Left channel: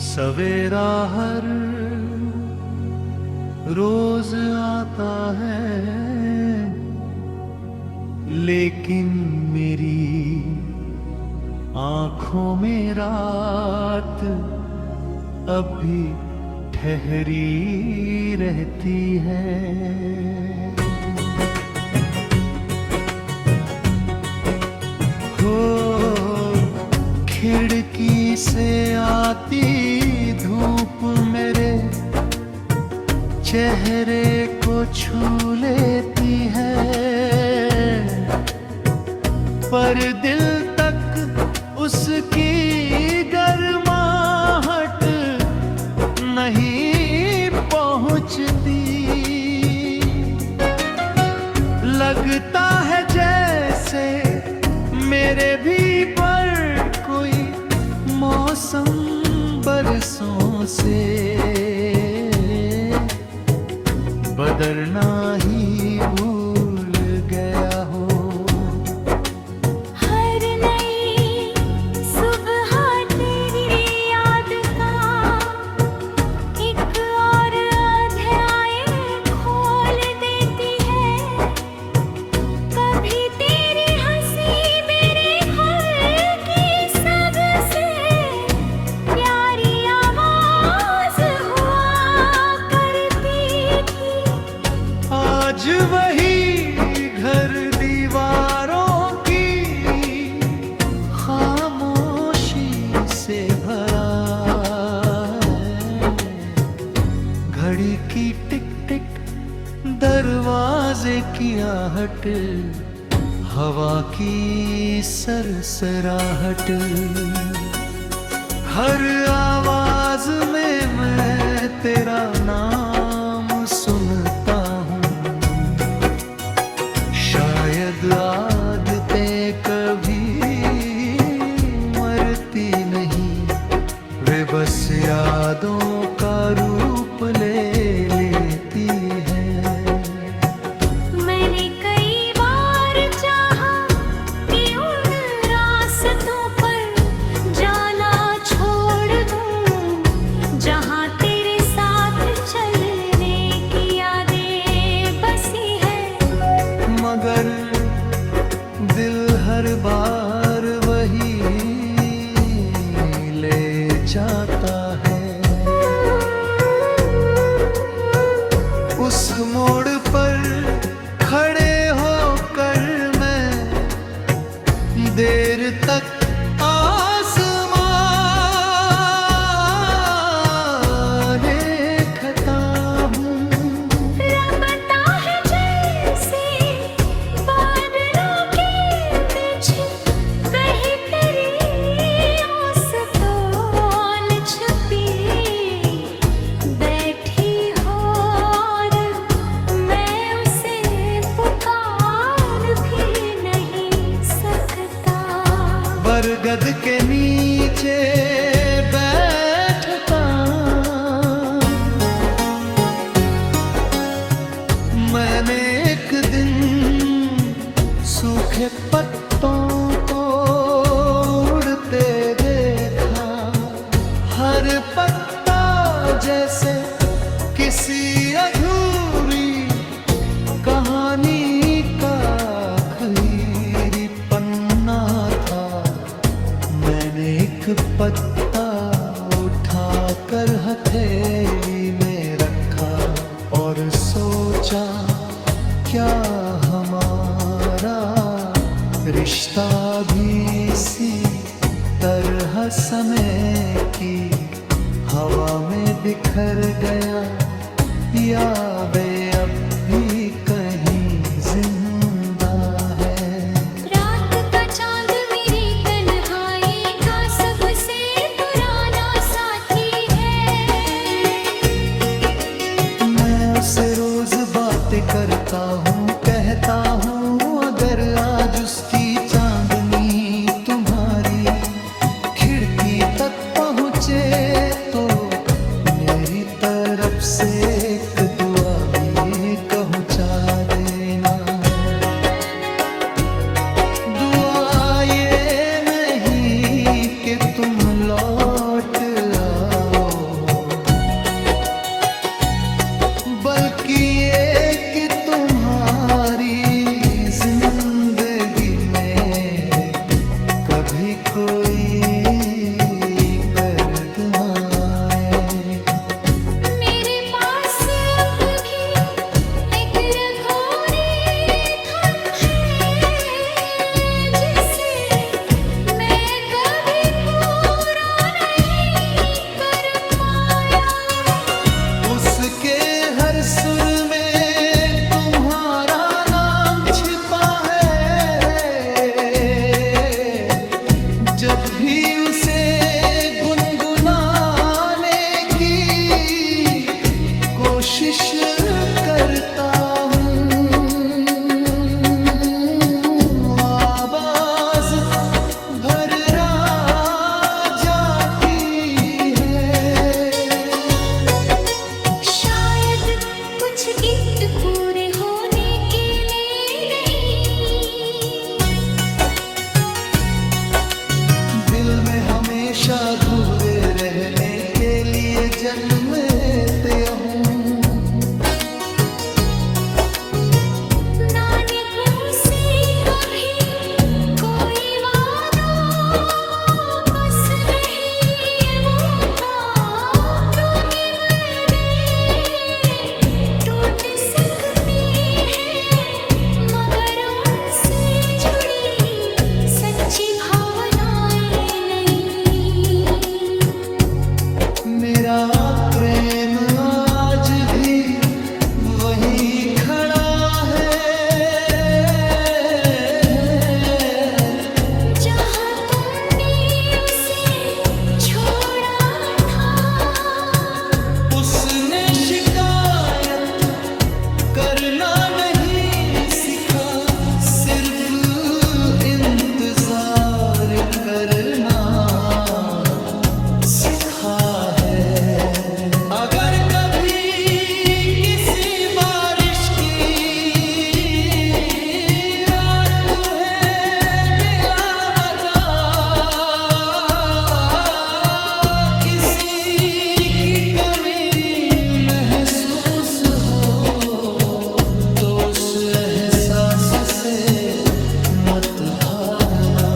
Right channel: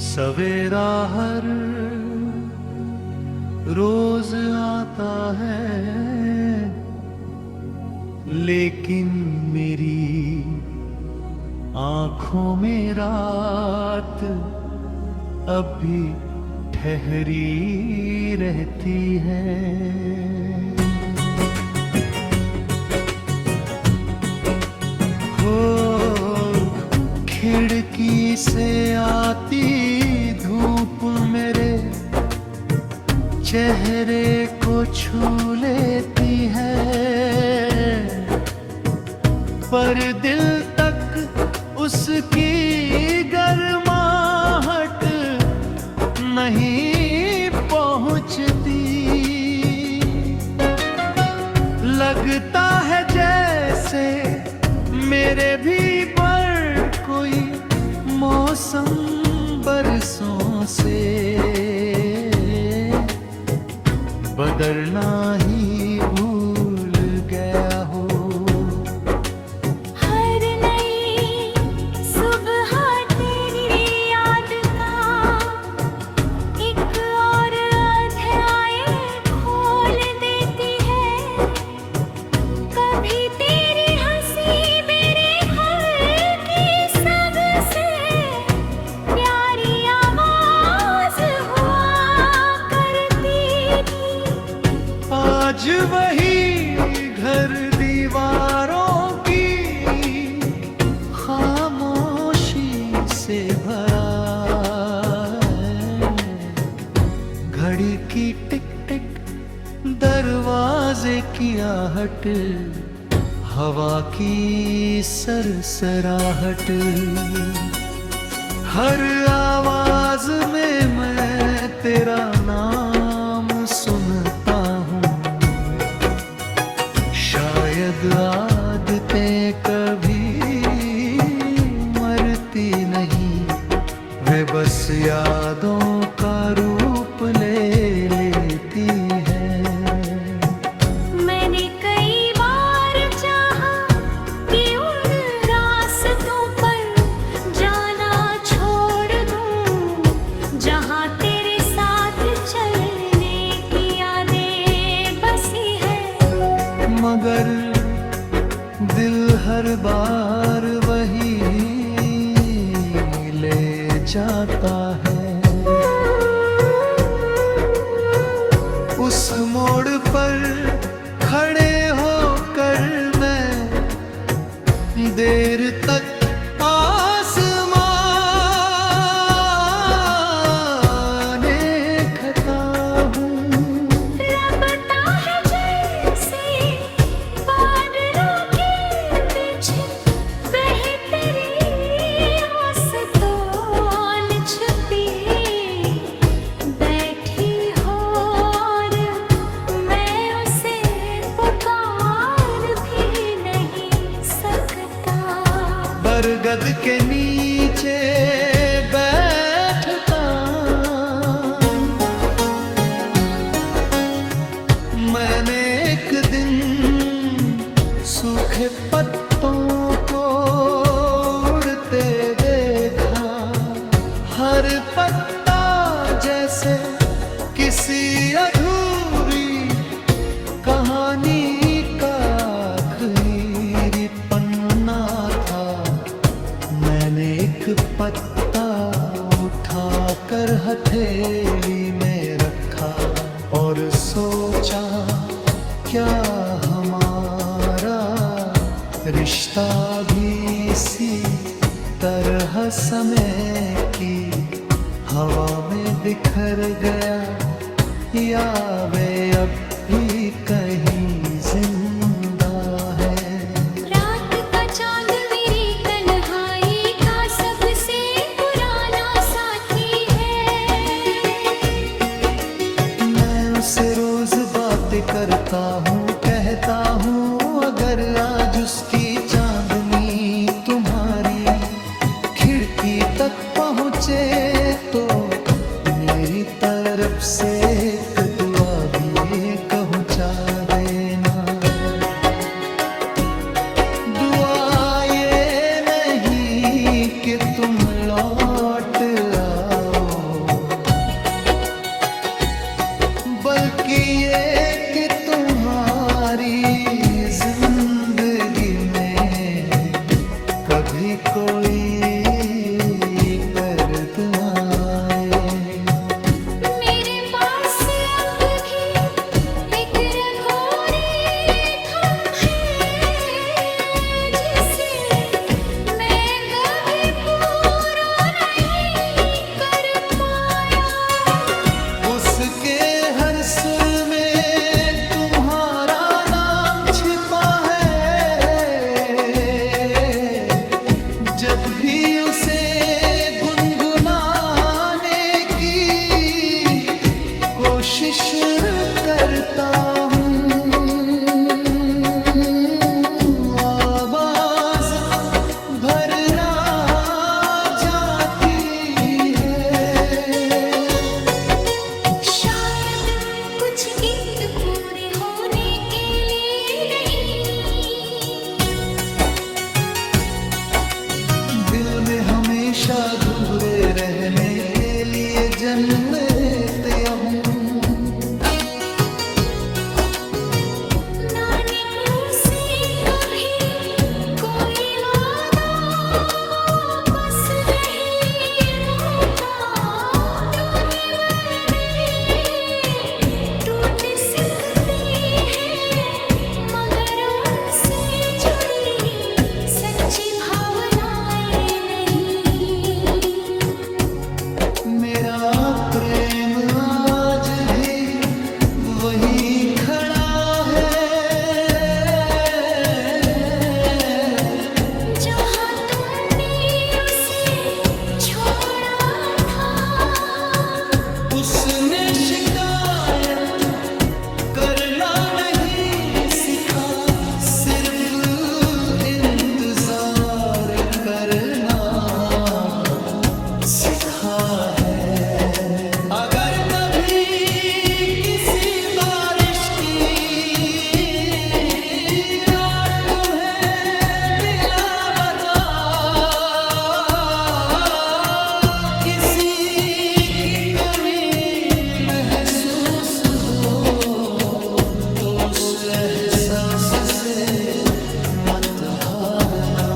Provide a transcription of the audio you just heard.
सवेरा हर रोज आता है, लेकिन मेरी आंखों में रात अब भी ठहरी रहती है। हो खिड़की से आती धूप मेरे चेहरे को छू लेती है, पर दिल तक उसकी गर्माहट नहीं पहुंचती। लगता है जैसे मेरे भी पर कोई मौसम बरसों से बदलना ही भूल गया हो। हर नई सुबह तेरी याद का एक और अध्याय खोल देती है। कभी तेरी हंसी मेरे घर की सबसे प्यारी आवाज हुआ करती थी। आज वही घर दीवारों की खामोशी से भरा है। घड़ी की टिक टिक, दरवाजे की आहट, हवा की सरसराहट, हर आवाज में मैं तेरा नाम सुनता हूँ। शायद आदतें कभी मरती नहीं, वे बस यादों का रूप ले लेती हैं। मैंने कई बार चाहा कि उन रास्तों पर जाना छोड़ दूं, जहां तेरे साथ चलने की यादें बसी है। मगर दिल हर बार वही ले जाता है। उस मोड़ पर खड़े होकर मैं देर तक आसमां देखता हूँ। रबता है जैसे बादलों के पीछे कहीं तेरी आस्तों छुपी बैठी हो, और मैं उसे पुकार भी नहीं सकता। बरगद के नीचे बैठता मैंने एक दिन सूखे पत्तों को उड़ते देखा। हर पत्ता जैसे किसी अधूरी कहानी का आखिरी पन्ना था। मैंने एक पत्ता उठाकर हथेली में रखा और सोचा, क्या हमारा रिश्ता भी इसी तरह समय की हवा में बिखर गया, या वे अब भी कहीं जिंदा है। रात का चांद मेरी तन्हाई का सबसे पुराना साथी है। मैं उससे रोज बातें करता हूँ, कहता हूँ अगर आज उसकी चांदनी तुम्हारी खिड़की तक पहुँचे तो मेरी तरफ से एक दुआ भी पहुँचा देना। दुआ ये नहीं कि तुम लौट आओ, कोई कर्द आए। मेरे पास अब भी एक रखोरी थम है, जिसे मैं कभी पूरा नहीं कर पाया। उसके हर सुर में तुम्हारा नाम छिपा है। जब भी उसे गुनगुनाने की कोशिश करता हूँ, आवाज भर्रा जाती है। शायद कुछ गीत पूरे होने के लिए नहीं, दिल में हमेशा अधूरे रहने के लिए जन्मते हूँ। नानकों से कभी कोई वादा वापस नहीं मुका। प्रतिबद्धे टूट सकते हैं, मगर उनसे जुड़ी सच्ची भावनाएं नहीं। मेरा प्रेम आज भी वहीं खड़ा है, जहाँ तुमने उसे छोड़ा था। उसने शिकायत करना नहीं सिखा, सिर्फ इंतजार करना सिखा है। अगर कभी किसी बारिश की रात तुम्हें बिला बचा, किसी की कमी महसूस हो, तो उस एहसास से मत भागना।